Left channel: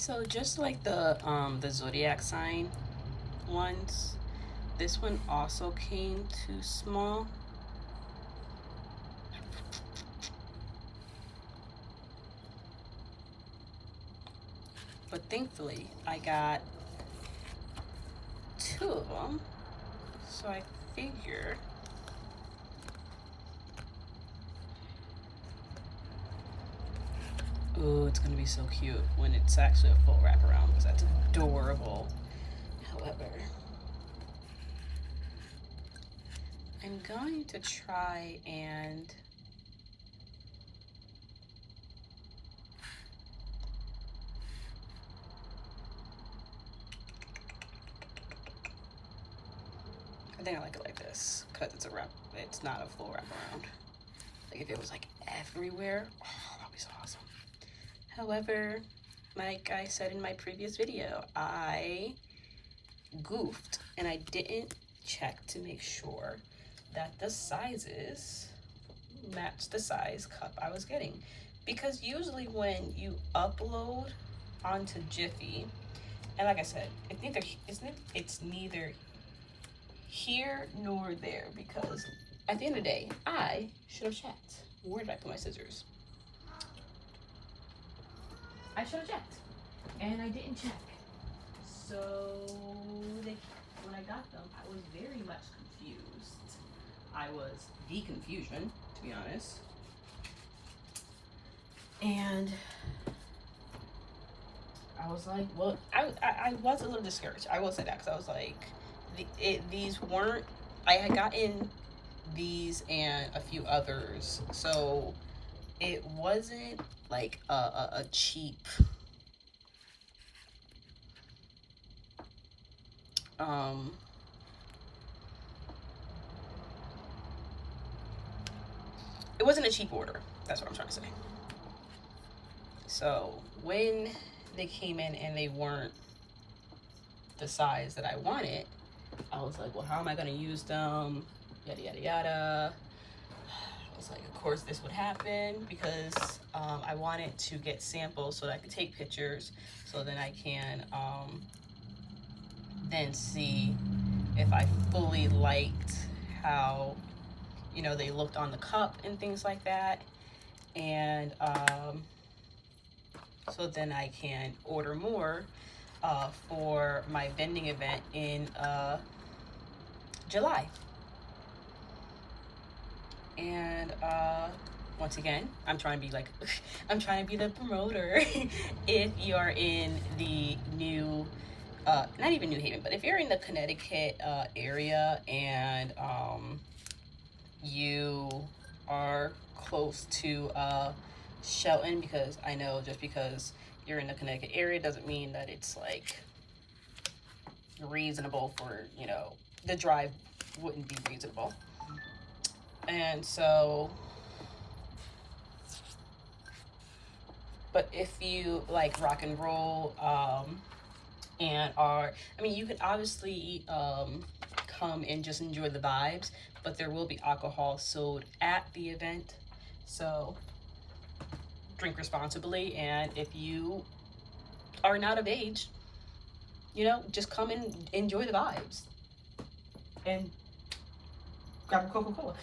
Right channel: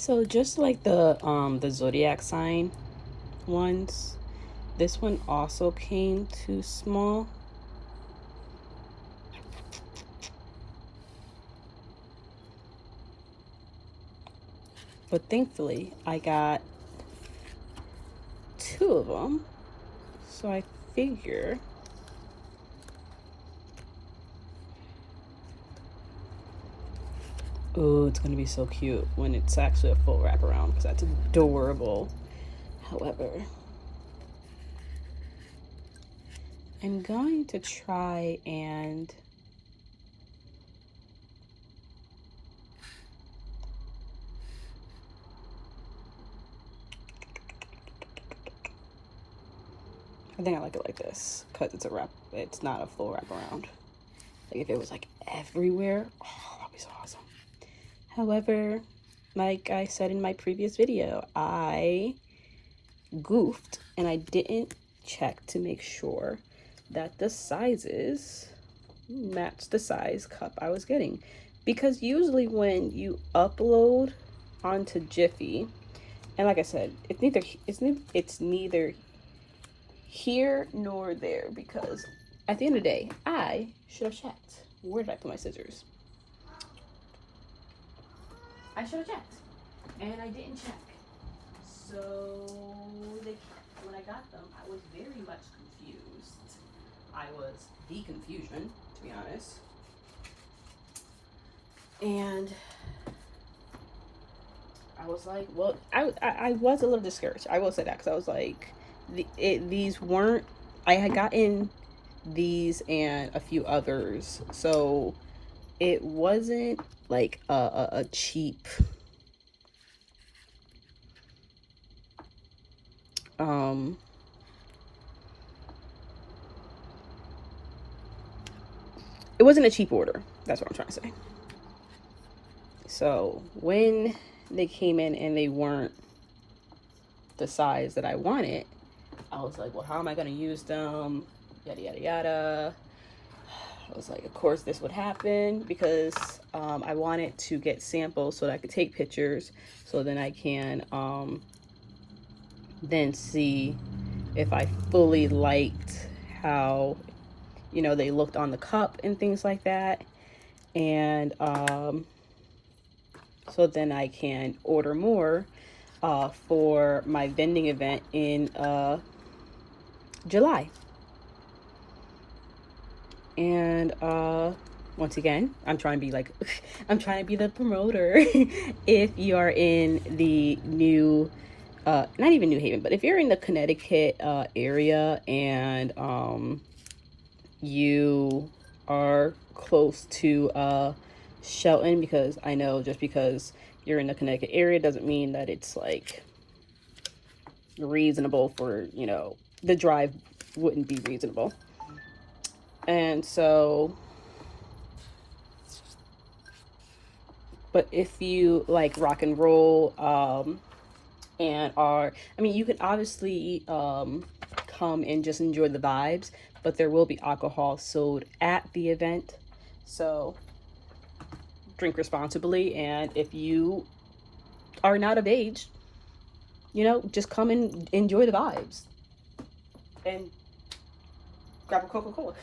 So just like the zodiac sign ones, this one also came too small. But thankfully I got two of them. So I figure ooh, it's gonna be so cute when it's actually a full wraparound because that's adorable. However, I'm going to try and I think I like it like this because it's a wrap. It's not a full wraparound. Like if it was like everywhere, oh, that'd be so awesome. However, like I said in my previous video, I goofed and I didn't check to make sure that the sizes match the size cup I was getting. Because usually when you upload onto Jiffy, and like I said, it's neither here nor there because at the end of the day, I should have checked. Where did I put my scissors? I should have checked, and I didn't check. So when I got them, I was very much confused. I was the confusion, to be honest. And I was like, well, I was a little discouraged. I will say that because I was like, these weren't. I had gotten these and a few others, so it wasn't like a cheap um it wasn't a cheap order. That's what I'm trying to say. So when they came in and they weren't the size that I wanted, I was like, well, how am I going to use them? Yada, yada, yada. I was like, of course this would happen because I wanted to get samples so that I could take pictures so then I can then see if I fully liked how, you know, they looked on the cup and things like that. And so then I can order more for my vending event in July. And once again, I'm trying to be like, I'm trying to be the promoter. If you're in the new, not even New Haven, but if you're in the Connecticut area and you are close to Shelton, because I know just because you're in the Connecticut area doesn't mean that it's like reasonable for, you know, the drive wouldn't be reasonable. And so, but if you like rock and roll and are, I mean, you can obviously come and just enjoy the vibes, but there will be alcohol sold at the event. So drink responsibly, and if you are not of age, you know, just come and enjoy the vibes and grab a Coca-Cola.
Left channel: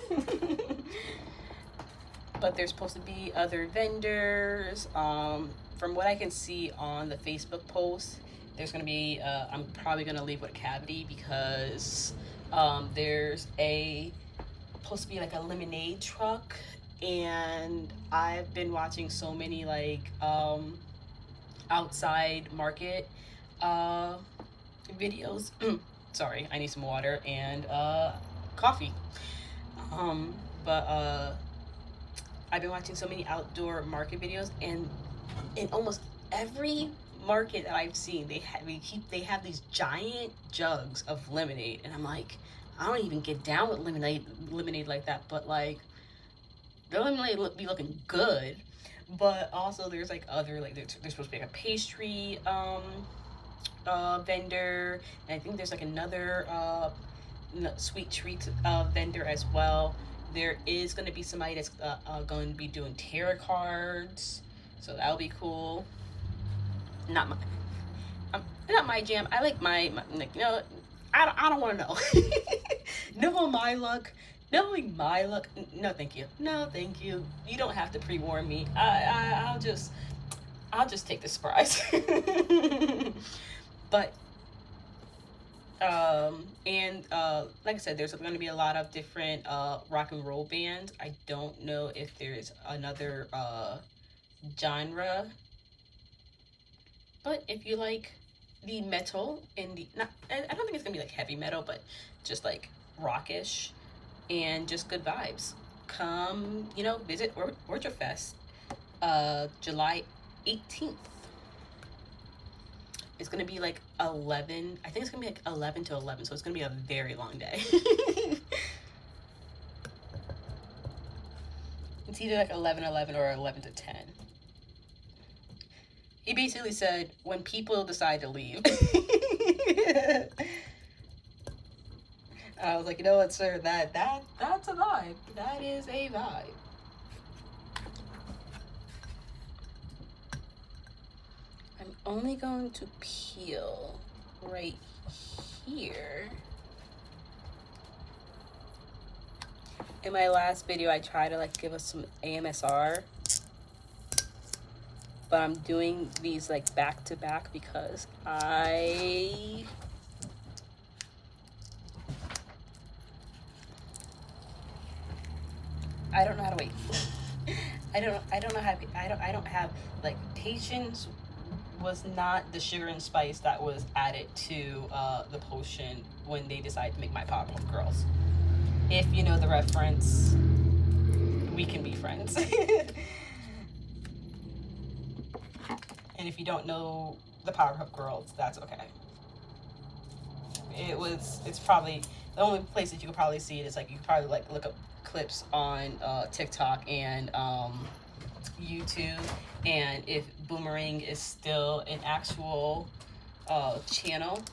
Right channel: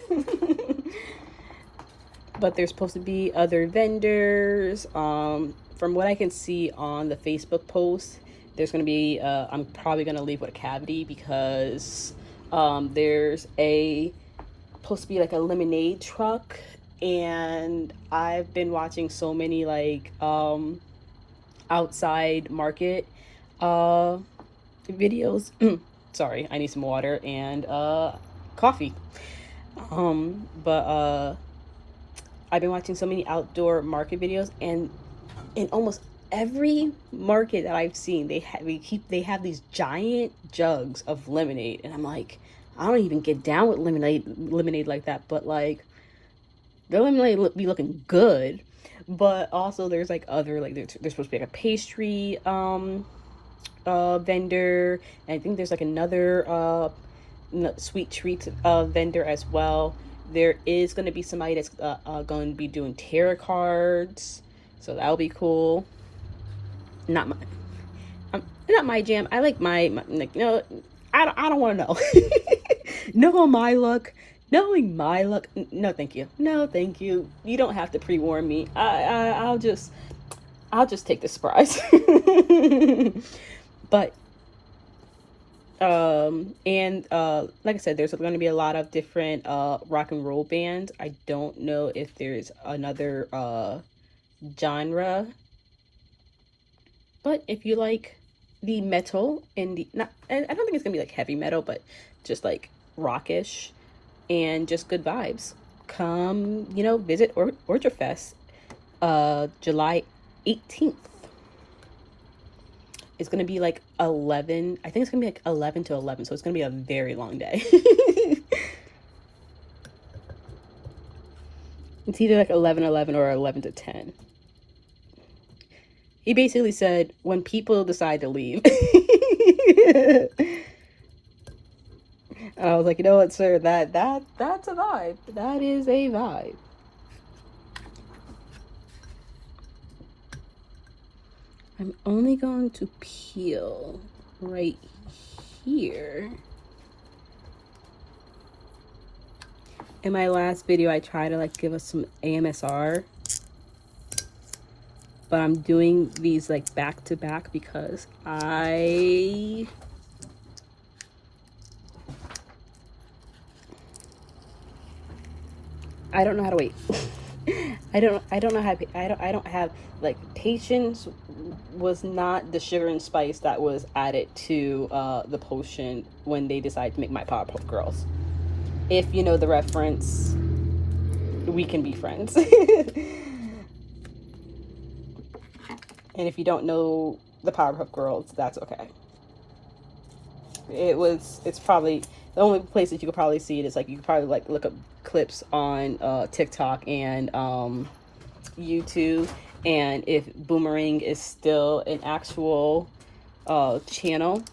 But there's supposed to be other vendors. From what I can see on the Facebook post, there's going to be, I'm probably going to leave with a cavity because there's supposed to be like a lemonade truck, and I've been watching so many like outside market videos. Sorry, I need some water and coffee. But I've been watching so many outdoor market videos, and in almost every market that I've seen, they have these giant jugs of lemonade, and I'm like, I don't even get down with lemonade like that, but like the lemonade be looking good. But also there's like other, like there's supposed to be like a pastry vendor, and I think there's like another sweet treats vendor as well. There is going to be somebody that's going to be doing tarot cards, so that'll be cool. Not my, not my jam. I like my like, no, I don't want to know. Know my luck. Knowing my luck. No, thank you. No, thank you. You don't have to pre-warn me. I'll just take the surprise. But and like I said, there's going to be a lot of different rock and roll bands. I don't know if there's another genre, but if you like the metal and the not, I don't think it's gonna be like heavy metal, but just like rockish and just good vibes, come, you know, visit Orchard Fest July 18th. It's gonna be like 11, I think it's gonna be like 11 to 11, so it's gonna be a very long day. It's either like 11 or 11 to 10. He basically said when people decide to leave. I was like, you know what, sir, that's a vibe. That is a vibe. I'm only going to peel right here. In my last video, I tried to like give us some AMSR, but I'm doing these like back to back because I don't know how to wait. I don't know how to, I don't have like patience. Was not the sugar and spice that was added to the potion when they decided to make my Powerpuff Girls. If you know the reference, we can be friends. And if you don't know the Powerpuff Girls, that's okay. It's probably the only place that you could probably see it is like you could probably like look up clips on TikTok and YouTube, and if Boomerang is still an actual channel,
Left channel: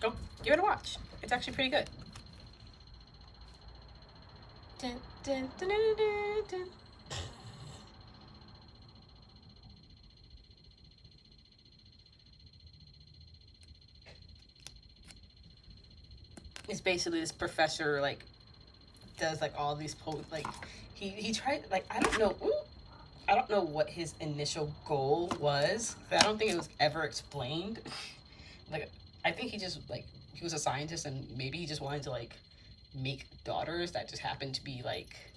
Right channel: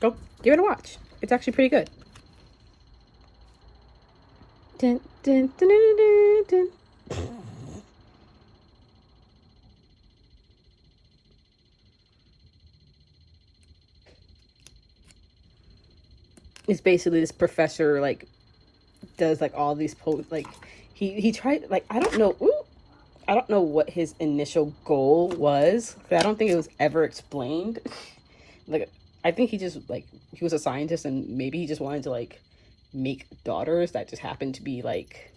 go give it a watch. It's actually pretty good. Dun, dun, dun, dun, dun, dun. It's basically this professor like does like all these like he tried like I don't know. Ooh, I don't know what his initial goal was. I don't think it was ever explained. Like, I think he just, like, he was a scientist and maybe he just wanted to, like, make daughters that just happened to be, like,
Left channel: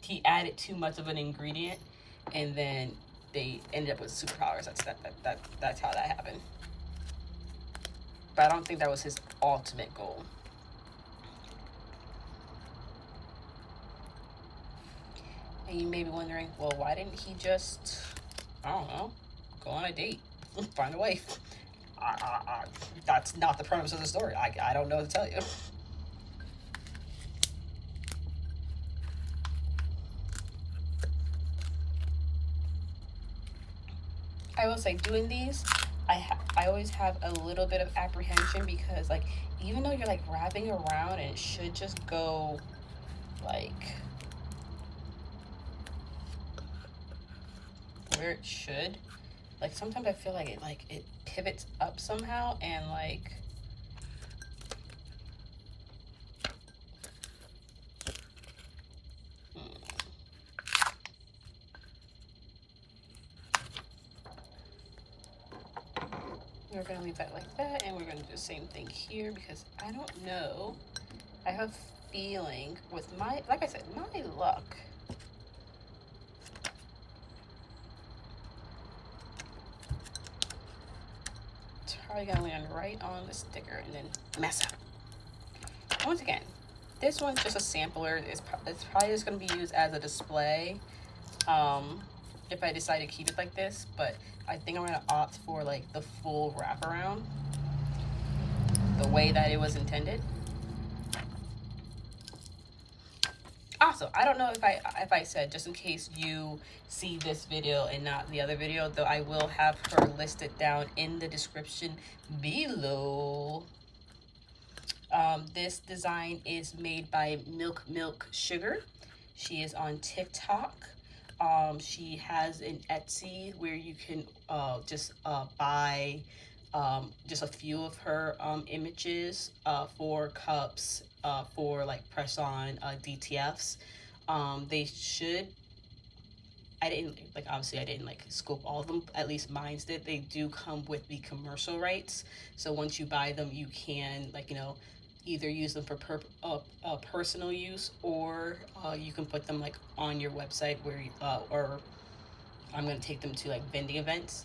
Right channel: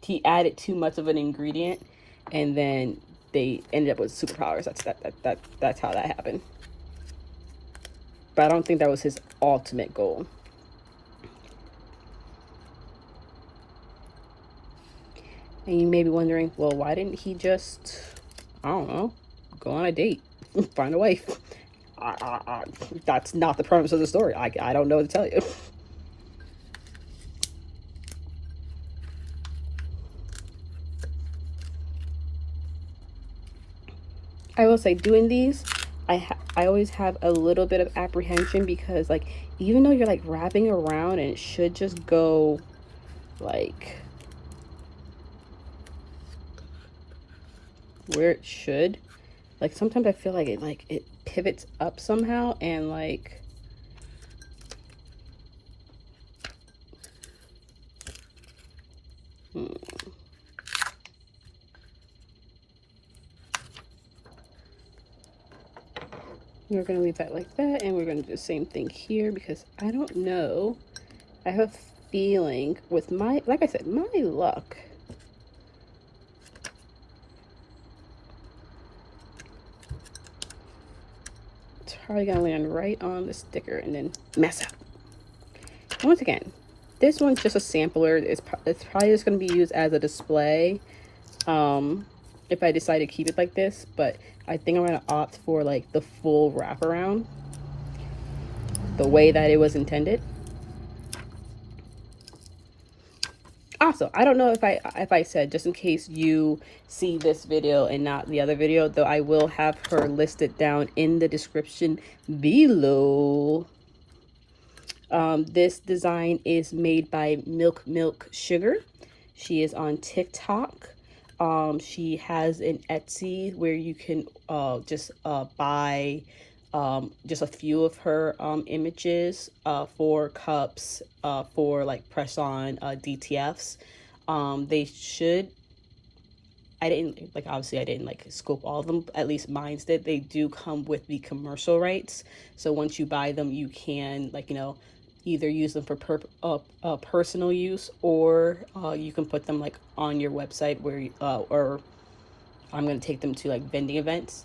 he added too much of an ingredient and then they ended up with superpowers. That's how that happened. But I don't think that was his ultimate goal. And you may be wondering, well, why didn't he just, I don't know, go on a date, find a wife? That's not the premise of the story. I don't know what to tell you. I will say, doing these, I always have a little bit of apprehension because, like, even though you're, like, wrapping around and it should just go, like, where it should, like, sometimes I feel like it pivots up somehow and, like, we're going to leave that like that, and we're going to do the same thing here because I don't know. I have a feeling with my, like I said, my luck. It's probably going to land right on the sticker and then mess up. Once again, this one's just a sampler. It's probably just going to be used as a display if I decide to keep it like this, but I think I'm going to opt for like the full wraparound, the way that it was intended. Also, I don't know if I said, just in case you see this video and not the other video, though I will have her listed down in the description below. This design is made by Milk Sugar. She is on TikTok. She has an Etsy where you can just buy just a few of her images for cups for like press on DTFs. They should, I didn't like, obviously I didn't like scope all of them, at least mine's did. They do come with the commercial rights, so once you buy them you can, like, you know, either use them for personal use, or you can put them like on your website where you, or I'm gonna take them to like vending events.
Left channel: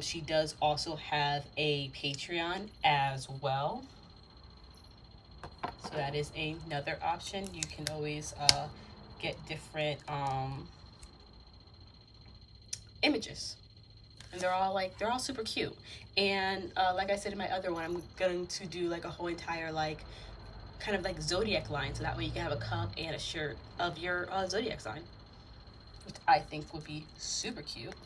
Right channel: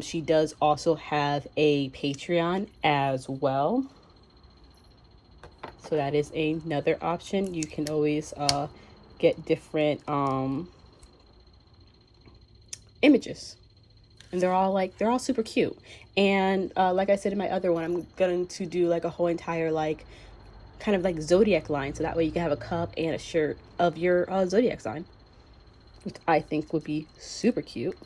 She does also have a Patreon as well, so that is another option. You can always get different images, and they're all super cute. And like I said in my other one, I'm going to do like a whole entire like kind of like zodiac line, so that way you can have a cup and a shirt of your zodiac sign, which I think would be super cute.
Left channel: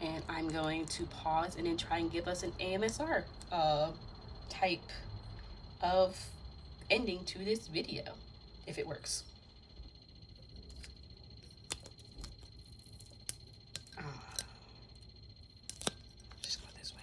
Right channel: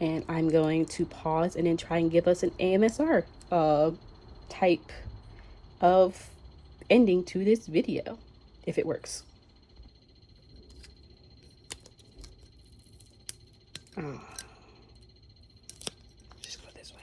And I'm going to pause and then try and give us an AMSR type of ending to this video, if it works. Just go this way.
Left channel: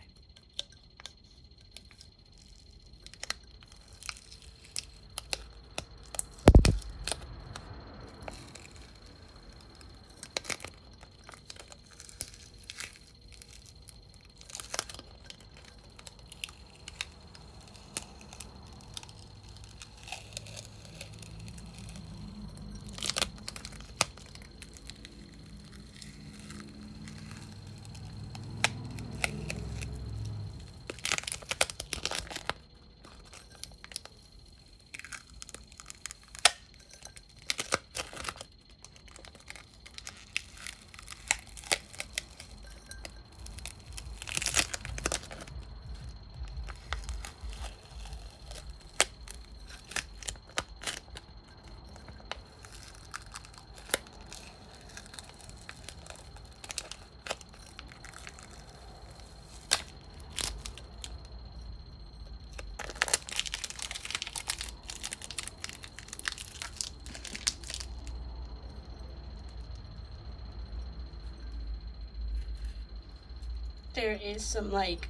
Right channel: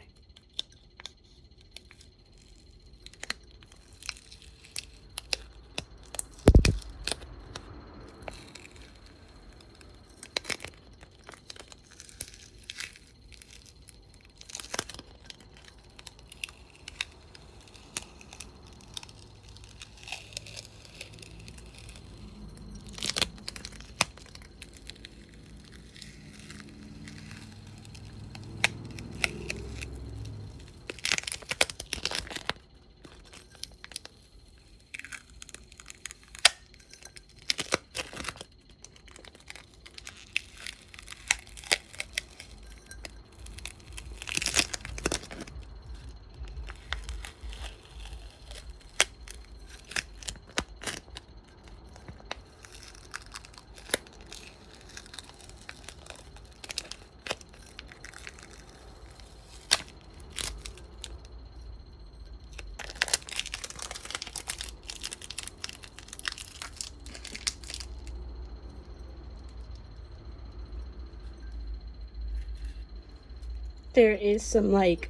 There is some like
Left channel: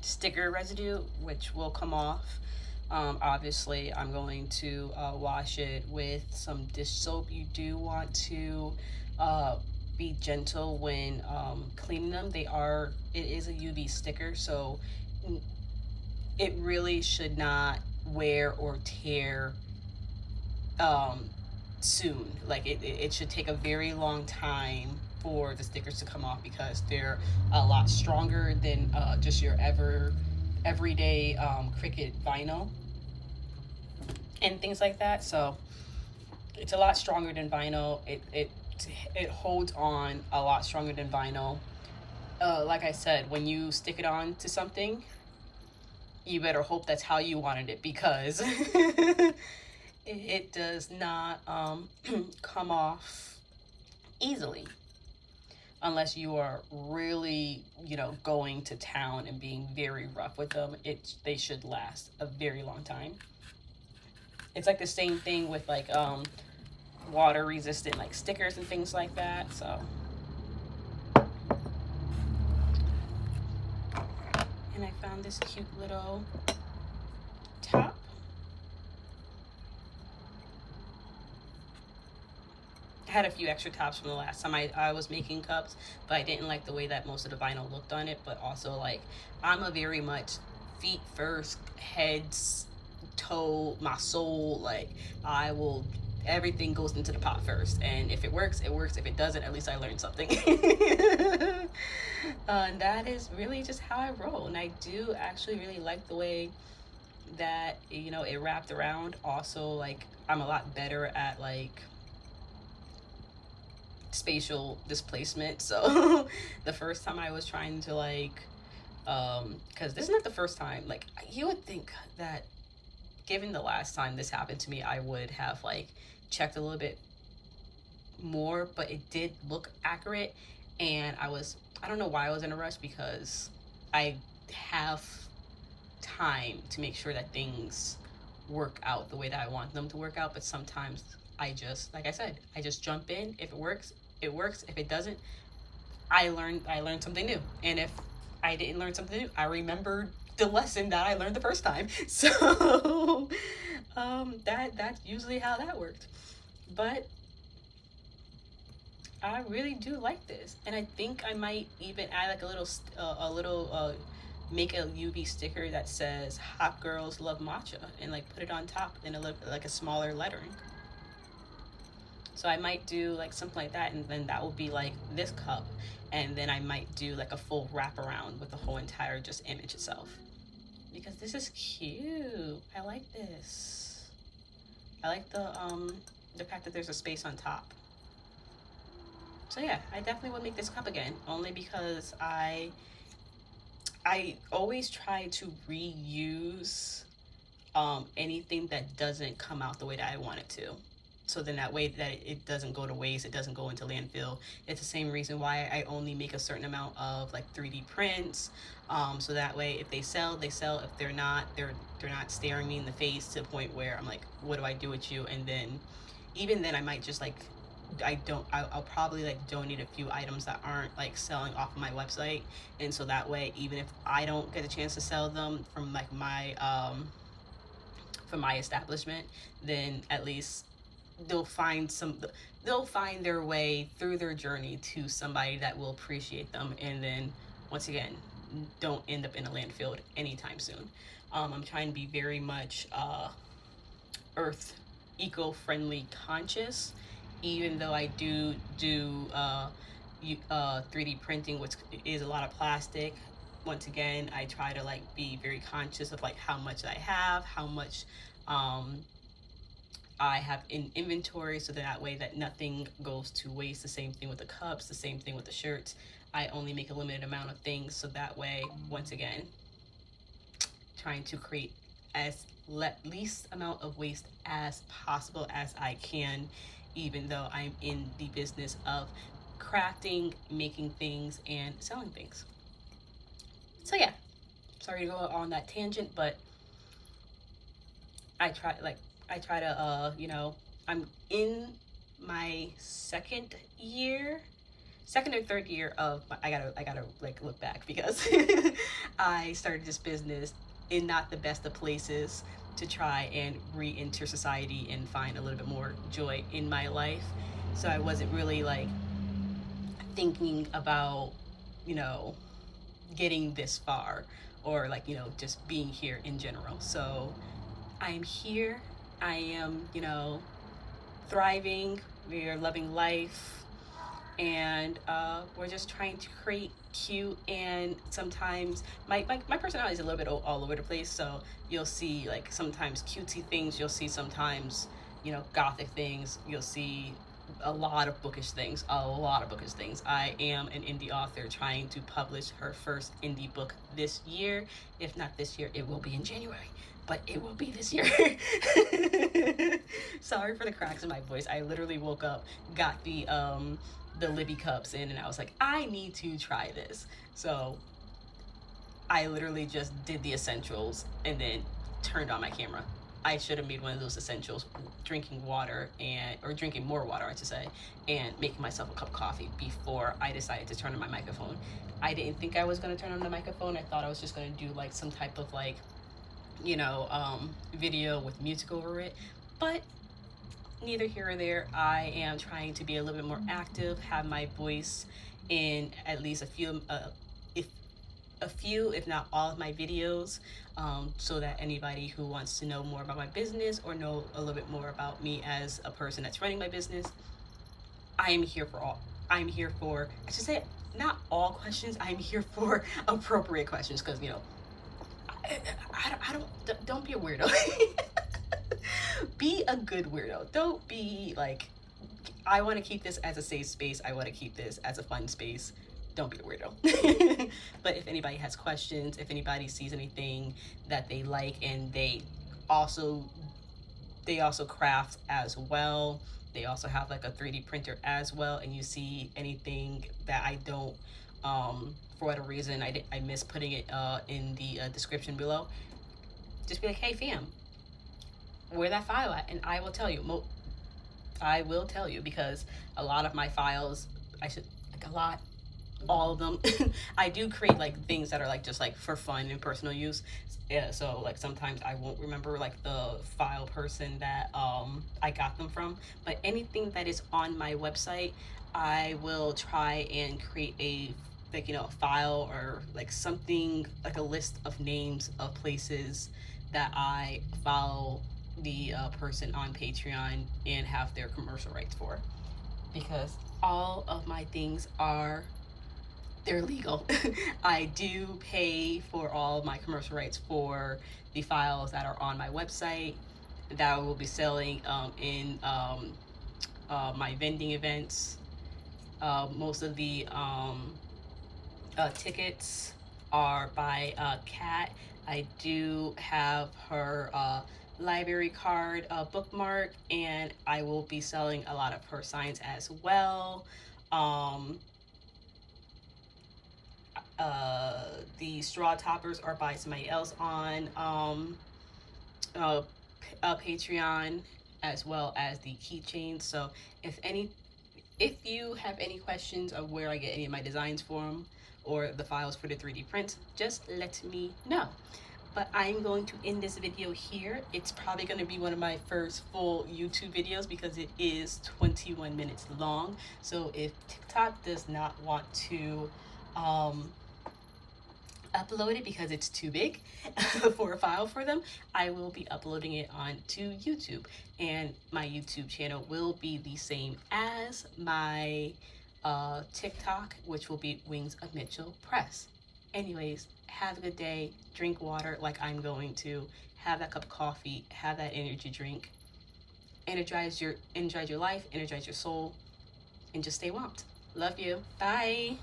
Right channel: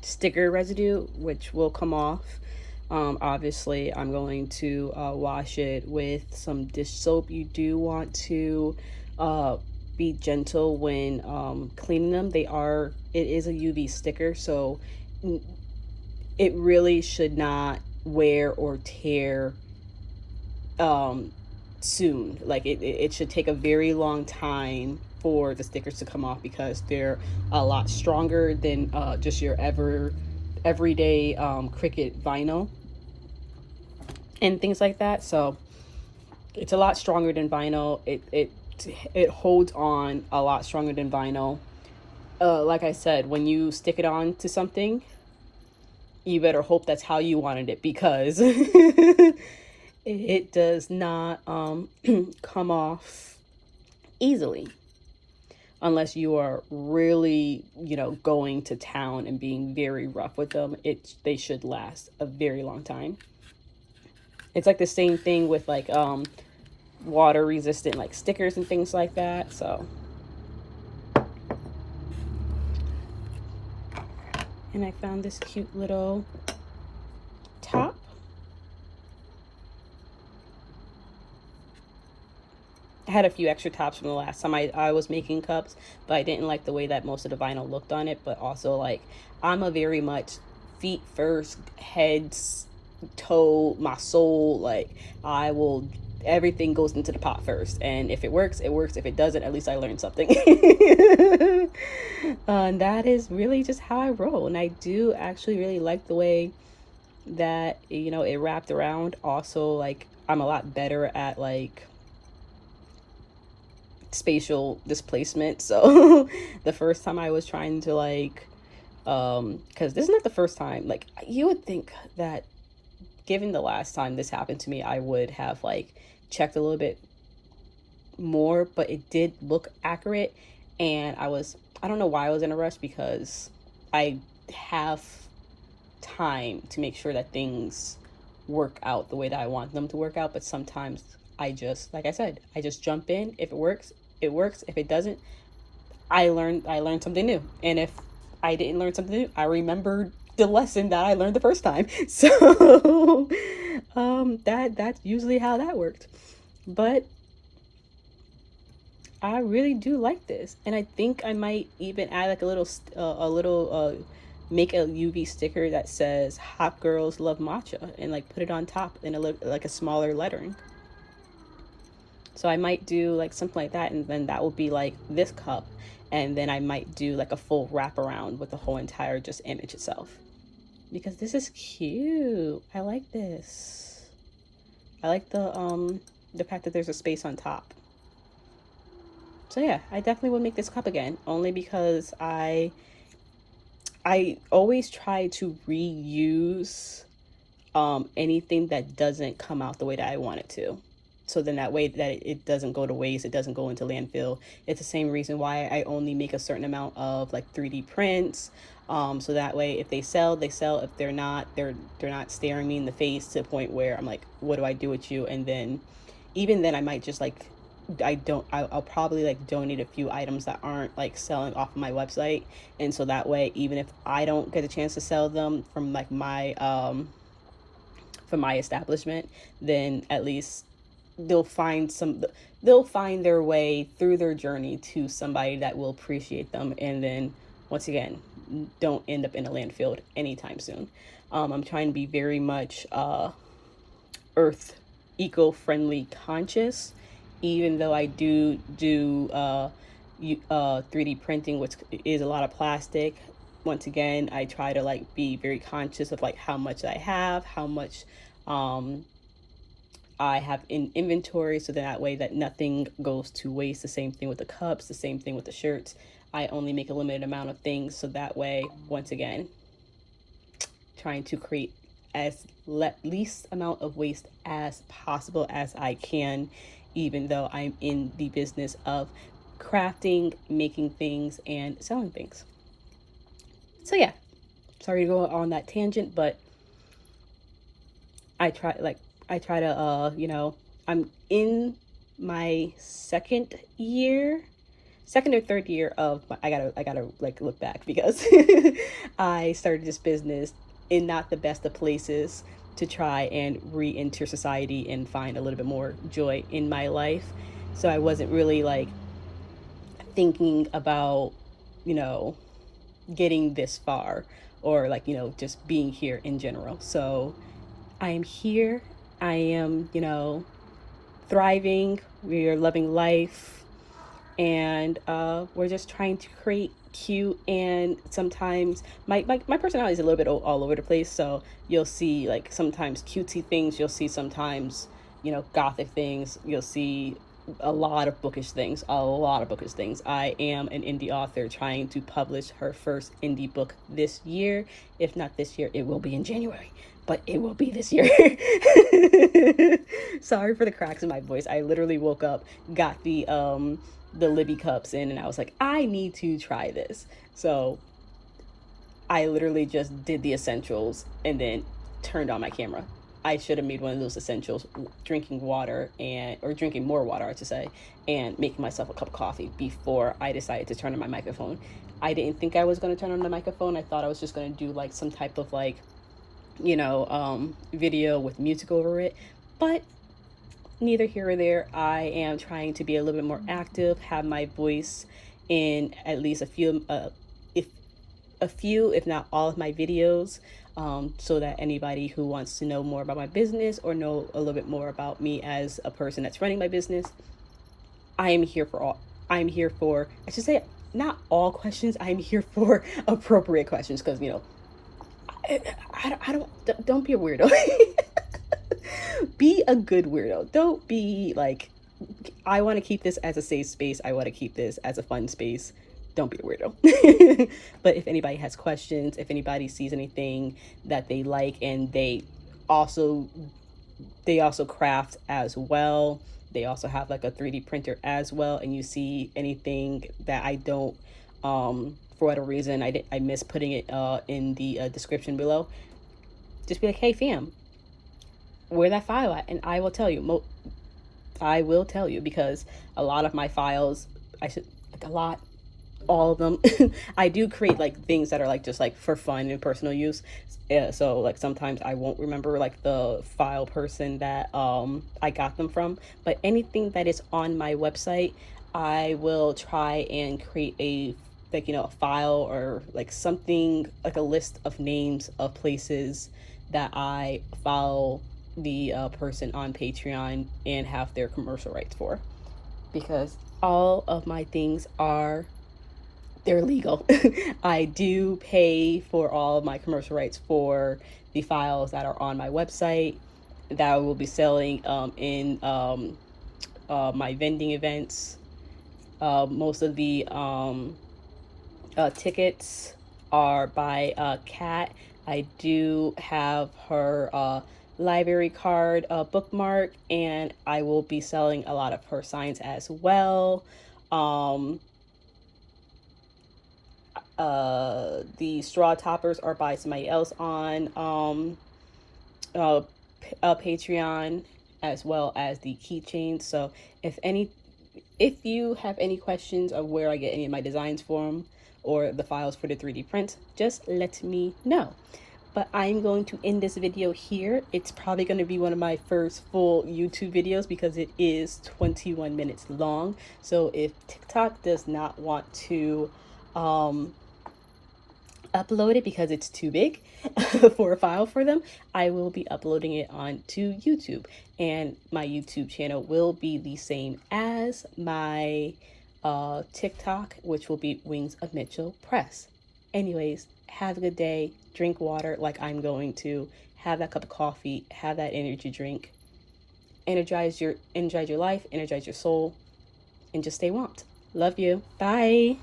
sticker residue which will come off. Obviously I'm going to wash it with some dish soap. You do want to be gentle when cleaning them. It is a UV sticker, so it really should not wear or tear soon. Like it should take a very long time for the stickers to come off, because they're a lot stronger than just your everyday Cricut vinyl and things like that. So it's a lot stronger than vinyl. It holds on a lot stronger than vinyl. Like I said, when you stick it on to something, you better hope that's how you wanted it, because it does not come off easily unless you are really, you know, going to town and being very rough with them. They should last a very long time. It's like the same thing with like water resistant like stickers and things like that. So, and I found this cute little top. I had a few extra tops from the last time I was making cups, but I didn't like the way that most of the vinyl looked on it. But also, like, I'm a very much feet first, heads, toe, my soul. Like, everything goes into the pot first. And if it works, it works. If it doesn't, at least I learned something. And that is really just how I roll. And I do actually really like the way that, you know, it wrapped around. Also, like, I'm a lot better at, like, spatial displacement. So the first time I was trying to like because this is not the first time, like, you would think that given the last time this happened to me I would have like checked a little bit more, but it did look accurate. And I don't know why I was in a rush, because I have time to make sure that things work out the way that I want them to work out. But sometimes I just, like I said, I just jump in. If it works, it works. If it doesn't, I learned something new. And if I didn't learn something new, I remembered the lesson that I learned the first time. So that's usually how that worked. But I really do like this, and I think I might even add like a little make a UV sticker that says "Hot Girls Love Matcha" and like put it on top in like a smaller lettering. So I might do like something like that, and then that will be like this cup, and then I might do like a full wraparound with the whole entire just image itself, because this is cute. I like this. I like the fact that there's a space on top. So yeah, I definitely would make this cup again, only because I always try to reuse anything that doesn't come out the way that I want it to. So then that way that it doesn't go to waste, it doesn't go into landfill. It's the same reason why I only make a certain amount of like 3D prints. So that way if they sell, they sell. If they're not, they're not staring me in the face to the point where I'm like, what do I do with you? And then even then I might just like, I'll probably like donate a few items that aren't like selling off of my website, and so that way even if I don't get a chance to sell them from like my from my establishment, then at least they'll find their way through their journey to somebody that will appreciate them, and then once again don't end up in a landfill anytime soon. I'm trying to be very much earth eco-friendly conscious, even though I do 3D printing, which is a lot of plastic. Once again, I try to like be very conscious of like how much I have, how much I have in inventory, so that way that nothing goes to waste. The same thing with the cups, the same thing with the shirts. I only make a limited amount of things, so that way, once again, trying to create as least amount of waste as possible as I can, even though I'm in the business of crafting, making things, and selling things. So yeah, sorry to go on that tangent, but I try to I'm in my second or third year of I gotta like look back, because I started this business in not the best of places to try and re-enter society and find a little bit more joy in my life. So I wasn't really like thinking about, getting this far, or like, just being here in general. So I am here. I am, thriving. We are loving life. And we're just trying to create cute, and sometimes my personality is a little bit all over the place, so you'll see like sometimes cutesy things, you'll see sometimes gothic things, you'll see a lot of bookish things. I am an indie author trying to publish her first indie book this year. If not this year, it will be in January, but it will be this year. Sorry for the cracks in my voice. I literally woke up, got the Libby cups in, and I was like, I need to try this. So I literally just did the essentials and then turned on my camera. I should have made one of those essentials, drinking more water, I should say, and making myself a cup of coffee before I decided to turn on my microphone. I didn't think I was going to turn on the microphone. I thought I was just going to do like some type of like, video with music over it, but neither here or there. I am trying to be a little bit more active, have my voice in at least a few, if not all of my videos, so that anybody who wants to know more about my business or know a little bit more about me as a person that's running my business, I'm here for, I should say, not all questions. I'm here for appropriate questions, because don't be a weirdo. Be a good weirdo. Don't be like, I want to keep this as a safe space. I want to keep this as a fun space. Don't be a weirdo. But if anybody has questions, if anybody sees anything that they like, and they also craft as well, they also have like a 3D printer as well, and you see anything that I don't, for whatever reason, I miss putting it in the description below, just be like, hey fam, where that file at, and I will tell you. I will tell you, because a lot of my files, all of them, I do create like things that are like just like for fun and personal use. Yeah, so like sometimes I won't remember like the file person that I got them from, but anything that is on my website, I will try and create a, like, a file, or like something like a list of names of places that I follow the person on Patreon and have their commercial rights for, because all of my things are, they're legal. I do pay for all of my commercial rights for the files that are on my website that I will be selling in my vending events. Most of the tickets are by Kat. I do have her library card bookmark, and I will be selling a lot of her signs as well. The straw toppers are by somebody else on Patreon, as well as the keychains. So if you have any questions of where I get any of my designs from, or the files for the 3D prints, just let me know. But I'm going to end this video here. It's probably going to be one of my first full YouTube videos because it is 21 minutes long. So if TikTok does not want to upload it because it's too big for a file for them, I will be uploading it onto YouTube, and my YouTube channel will be the same as my TikTok, which will be Wings of Mitchell Press. Anyways, have a good day. Drink water like I'm going to. Have that cup of coffee. Have that energy drink. Energize your life. Energize your soul, and just stay womped. Love you. Bye.